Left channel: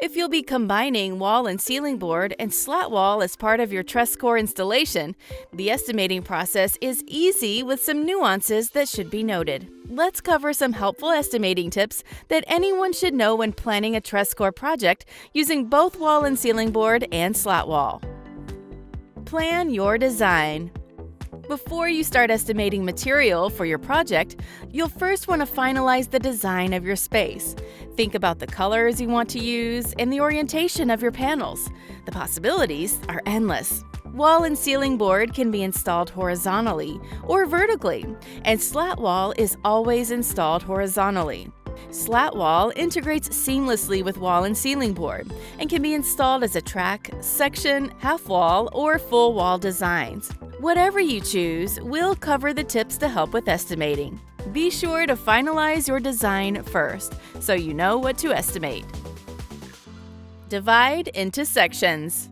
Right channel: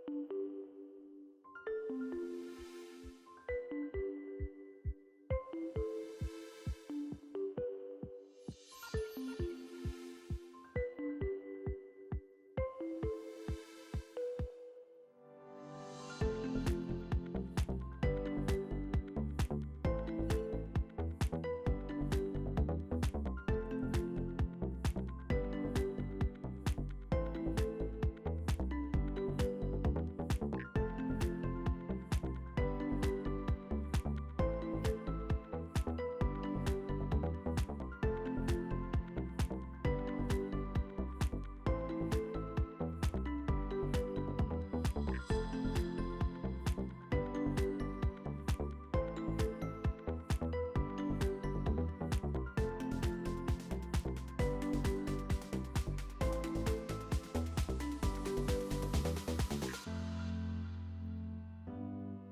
If you'll be combining wall and ceiling board and slat wall as part of your Trusscore installation, the estimating process is easy with some nuances that should be noted. Let's cover some helpful estimating tips that anyone should know when planning a Trusscore project using both wall and ceiling board and slat wall. Plan your design. Before you start estimating material for your project, you'll first want to finalize the design of your space. Think about the colors you want to use and the orientation of your panels. The possibilities are endless. Wall and ceiling board can be installed horizontally or vertically, and slat wall is always installed horizontally. Slat wall integrates seamlessly with wall and ceiling board and can be installed as a track, section, half wall, or full wall designs. Whatever you choose, we'll cover the tips to help with estimating. Be sure to finalize your design first so you know what to estimate. Divide into sections.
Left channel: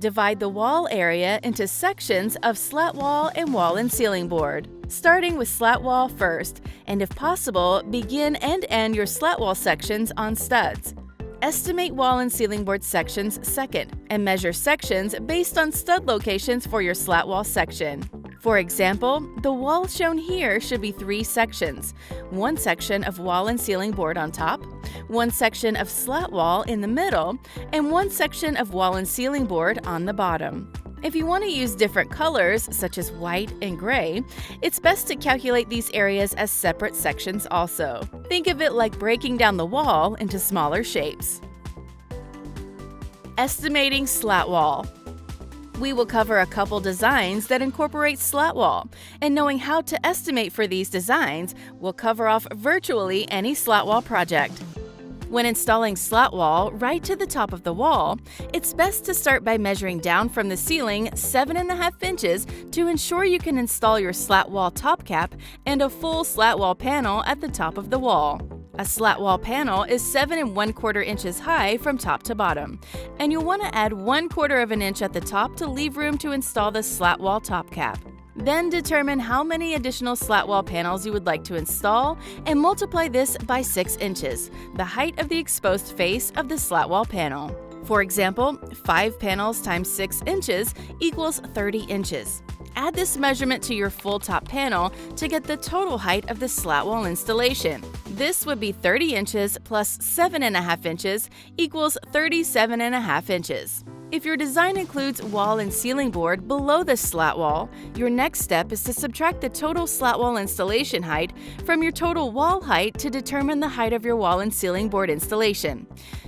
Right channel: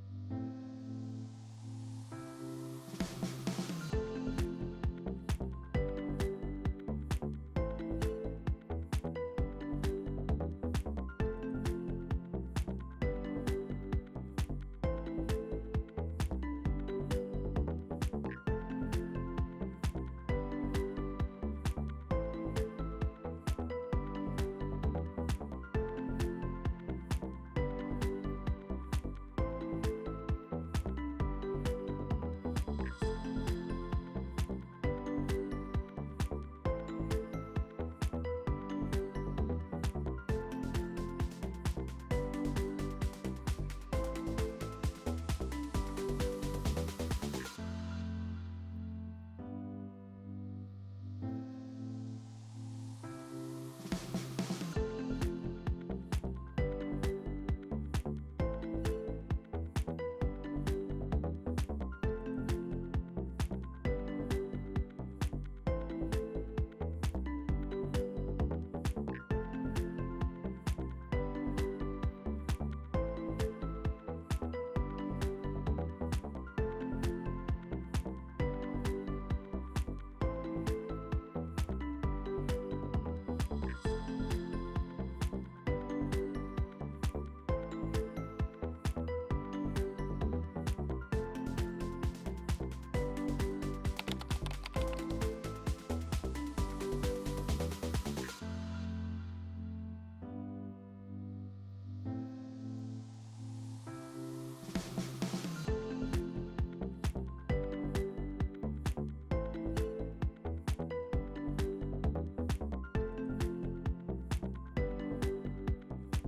Divide the wall area into sections of slat wall and wall and ceiling board. Starting with slat wall first, and if possible, begin and end your slat wall sections on studs. Estimate wall and ceiling board sections second, and measure sections based on stud locations for your slat wall section. For example, the wall shown here should be 3 sections: one section of wall and ceiling board on top, one section of slat wall in the middle, and one section of wall and ceiling board on the bottom. If you want to use different colors, such as white and gray, it's best to calculate these areas as separate sections also. Think of it like breaking down the wall into smaller shapes. Estimating slat wall. We will cover a couple designs that incorporate slat wall, and knowing how to estimate for these designs will cover off virtually any slat wall project. When installing slat wall right to the top of the wall, it's best to start by measuring down from the ceiling 7.5 inches to ensure you can install your slat wall top cap and a full slat wall panel at the top of the wall. A slat wall panel is 7.25 inches high from top to bottom, and you'll want to add 1/4 of an inch at the top to leave room to install the slat wall top cap. Then determine how many additional slat wall panels you would like to install and multiply this by 6 inches, the height of the exposed face of the slat wall panel. For example, 5 panels times 6 inches equals 30 inches. Add this measurement to your full top panel to get the total height of the slat wall installation. This would be 30 inches plus 7.5 inches equals 37.5 inches. If your design includes wall and ceiling board below the slat wall, your next step is to subtract the total slat wall installation height from your total wall height to determine the height of your wall and ceiling board installation.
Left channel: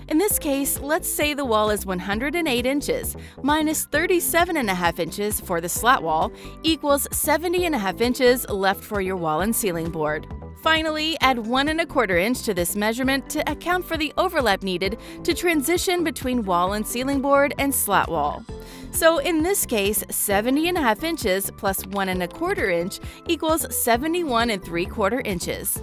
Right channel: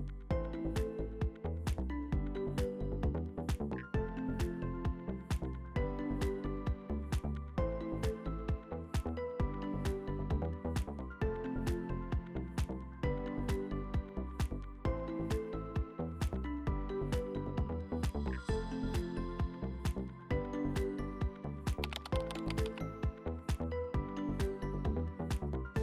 In this case, let's say the wall is 108 inches minus 37.5 inches for the slat wall equals 70.5 inches left for your wall and ceiling board. Finally, add 1.25 inch to this measurement to account for the overlap needed to transition between wall and ceiling board and slat wall. So in this case, 70.5 inches plus 1.25 inch equals 71.75 inches.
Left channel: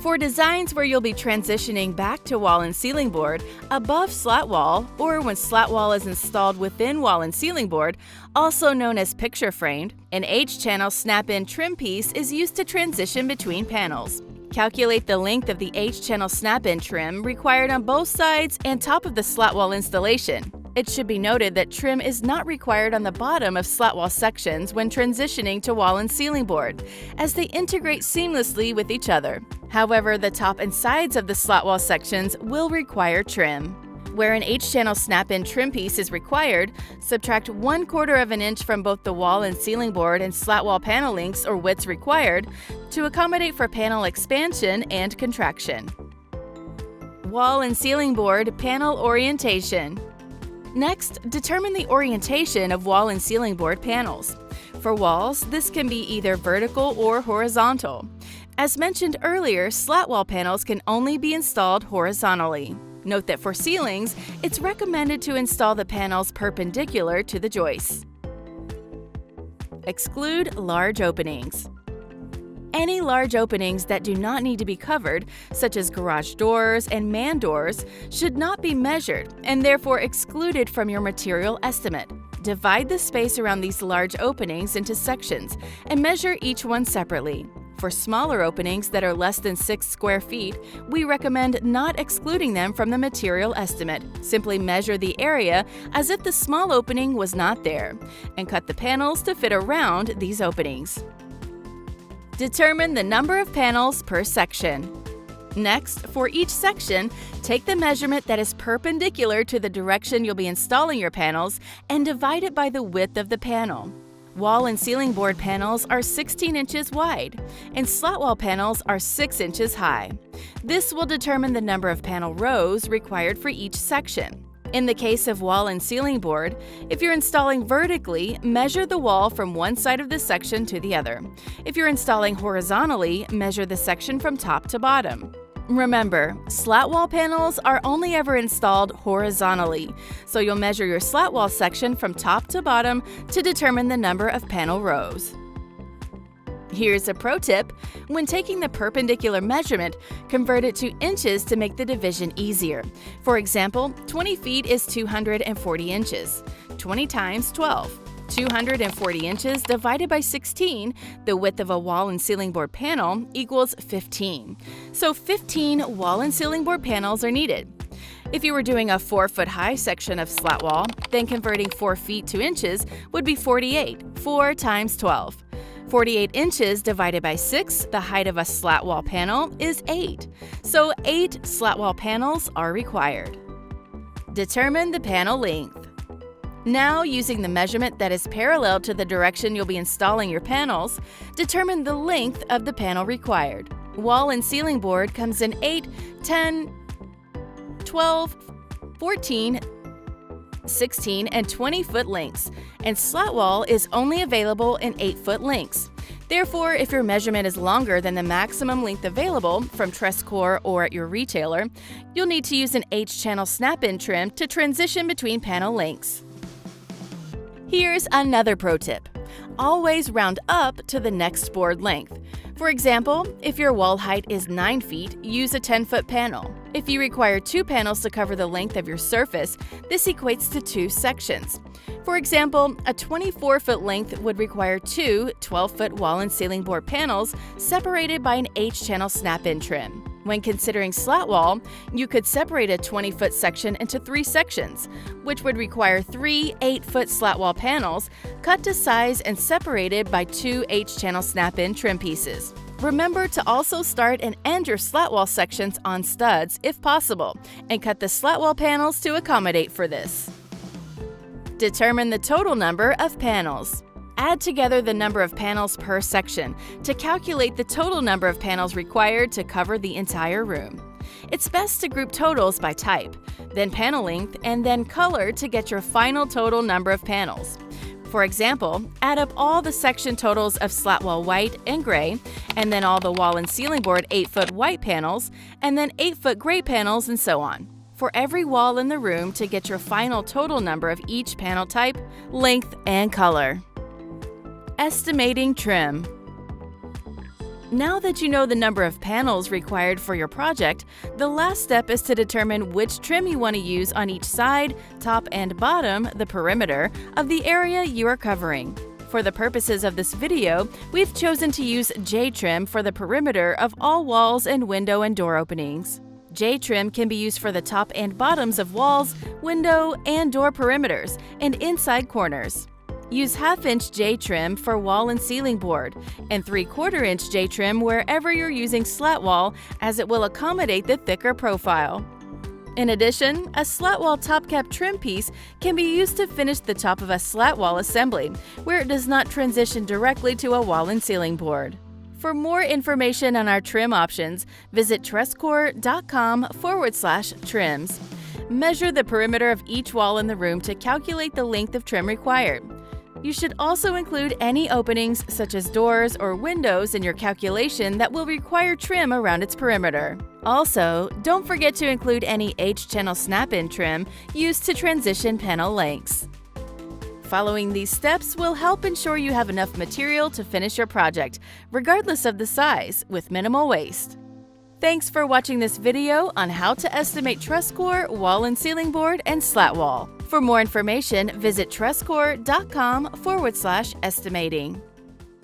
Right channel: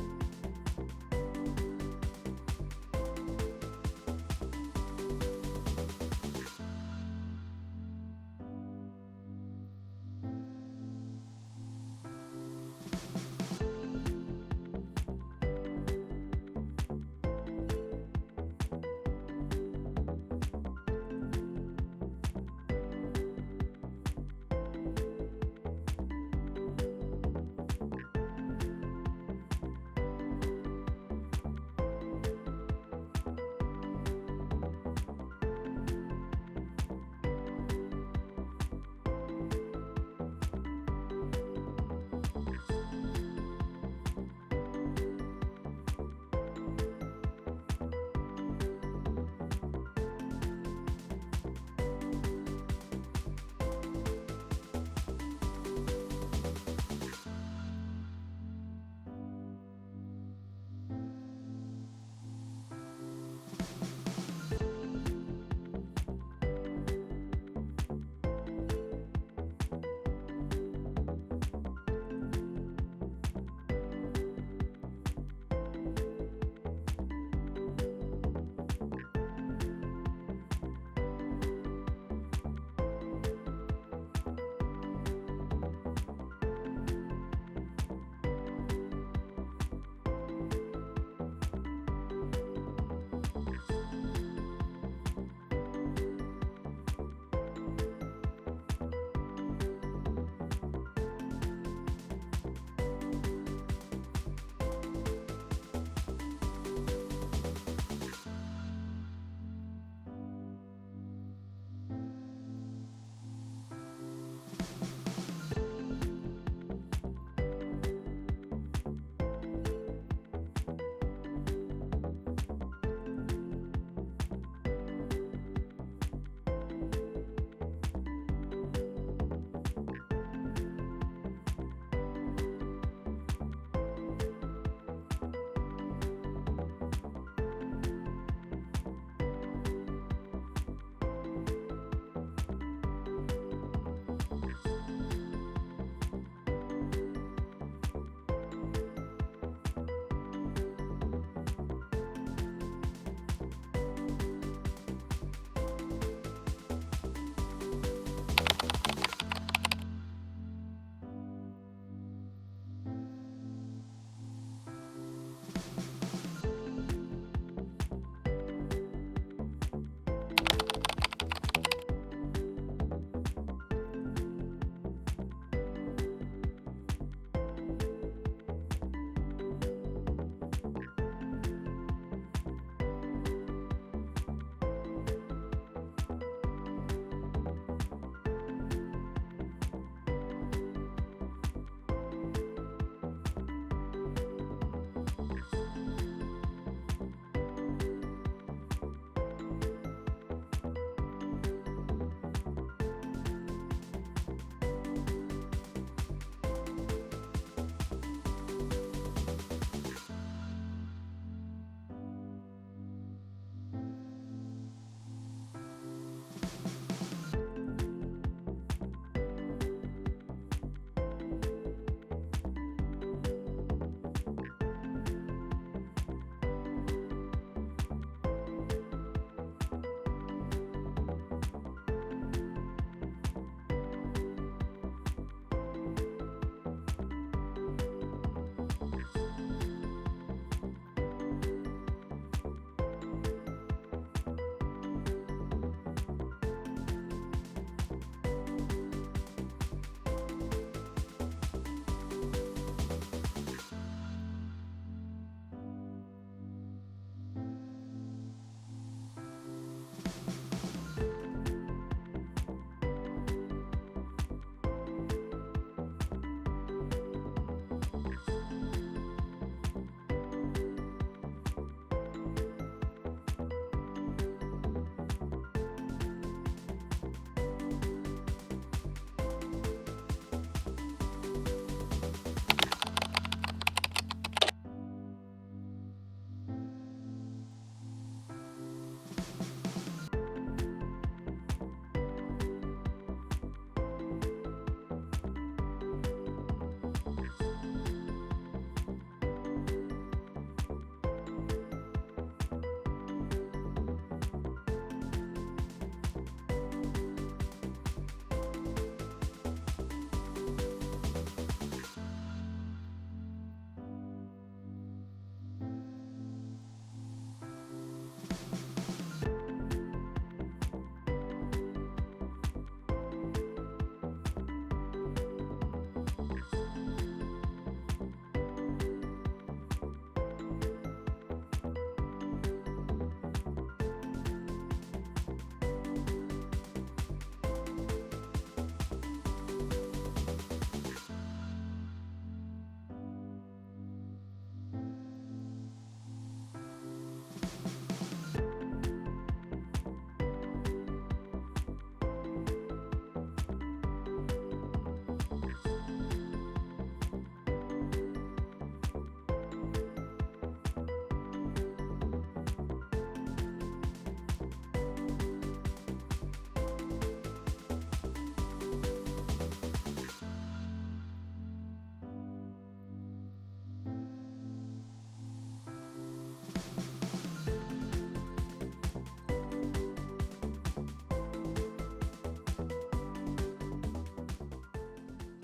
For designs where you'll be transitioning back to wall and ceiling board above slat wall, or when slat wall is installed within wall and ceiling board, also known as picture framed, an H-channel snap-in trim piece is used to transition between panels. Calculate the length of the H-channel snap-in trim required on both sides and top of the slat wall installation. It should be noted that trim is not required on the bottom of slat wall sections when transitioning to wall and ceiling board, as they integrate seamlessly with each other. However, the top and sides of the slat wall sections will require trim. Where an H-channel snap-in trim piece is required, subtract 1/4 of an inch from both the wall and ceiling board and slat wall panel lengths or widths required to accommodate for panel expansion and contraction. Wall and ceiling board panel orientation. Next, determine the orientation of wall and ceiling board panels. For walls, this can be either vertical or horizontal. As mentioned earlier, slat wall panels can only be installed horizontally. Note that for ceilings, it's recommended to install the panels perpendicular to the joists. Exclude large openings. Any large openings that do not need to be covered, such as garage doors and man doors, should not be measured and therefore excluded from your material estimate. Divide the space around these large openings into sections and measure each one separately. For smaller openings that are less than 6 square feet, we recommend not excluding them from the material estimate. Simply measure the area as if the small opening was not there, and cut the panels to fit around these openings. Determine the number of panels per section. Next, for each section, take the measurement that is perpendicular to the direction you'll be installing your panels and divide it by the width of the panel. Wall and ceiling board panels are 16 inches wide, and slat wall panels are 6 inches high. This will determine the number of panel rows required for each section. In the case of wall and ceiling board, if you're installing vertically, measure the wall from one side of the section to the other. If you're installing horizontally, measure the section from top to bottom. Remember, slat wall panels are only ever installed horizontally, so you'll measure your slat wall section from top to bottom to determine the number of panel rows. Here's a pro tip: when taking the perpendicular measurement, convert it to inches to make the division easier. For example, 20 feet is 240 inches. 20 times 12. 240 inches divided by 16, the width of a wall and ceiling board panel, equals 15. So 15 wall and ceiling board panels are needed. If you were doing a 4-foot high section of slat wall, then converting 4 feet to inches would be 48. 4 times 12. 48 inches divided by 6, the height of a slat wall panel, is 8. So 8 slat wall panels are required. Determine the panel length. Now, using the measurement that is parallel to the direction you'll be installing your panels, determine the length of the panel required. Wall and ceiling board comes in 8, 10, 12, 14, 16, and 20-foot lengths, and slat wall is only available in 8-foot lengths. Therefore, if your measurement is longer than the maximum length available from Trusscore or at your retailer, you'll need to use an H-channel snap-in trim to transition between panel lengths. Here's another pro tip: always round up to the next board length. For example, if your wall height is 9 feet, use a 10-foot panel. If you require 2 panels to cover the length of your surface, this equates to 2 sections. For example, a 24-foot length would require 2 12-foot wall and ceiling board panels separated by an H-channel snap-in trim. When considering slat wall, you could separate a 20-foot section into 3 sections, which would require 3 8-foot slat wall panels cut to size and separated by 2 H-channel snap-in trim pieces. Remember to also start and end your slat wall sections on studs if possible, and cut the slat wall panels to accommodate for this. Determine the total number of panels. Add together the number of panels per section to calculate the total number of panels required to cover the entire room. It's best to group totals by type, then panel length, and then color to get your final total number of panels. For example, add up all the section totals of slat wall white and gray, and then all the wall and ceiling board 8-foot white panels, and then 8-foot gray panels, and so on, for every wall in the room to get your final total number of each panel type, length, and color. Estimating trim. Now that you know the number of panels required for your project, the last step is to determine which trim you want to use on each side, top, and bottom, the perimeter, of the area you are covering. For the purposes of this video, we've chosen to use J-trim for the perimeter of all walls and window and door openings. J-trim can be used for the top and bottoms of walls, window, and door perimeters, and inside corners. Use 1/2-inch J-trim for wall and ceiling board, and 3/4-inch J-trim wherever you're using slat wall, as it will accommodate the thicker profile. In addition, a slat wall top cap trim piece can be used to finish the top of a slat wall assembly, where it does not transition directly to a wall and ceiling board. For more information on our trim options, visit trusscore.com/trims. Measure the perimeter of each wall in the room to calculate the length of trim required. You should also include any openings, such as doors or windows, in your calculation that will require trim around its perimeter. Also, don't forget to include any H-channel snap-in trim used to transition panel lengths. Following these steps will help ensure you have enough material to finish your project, regardless of the size, with minimal waste. Thanks for watching this video on how to estimate Trusscore, wall and ceiling board, and slat wall. For more information, visit trusscore.com/estimating.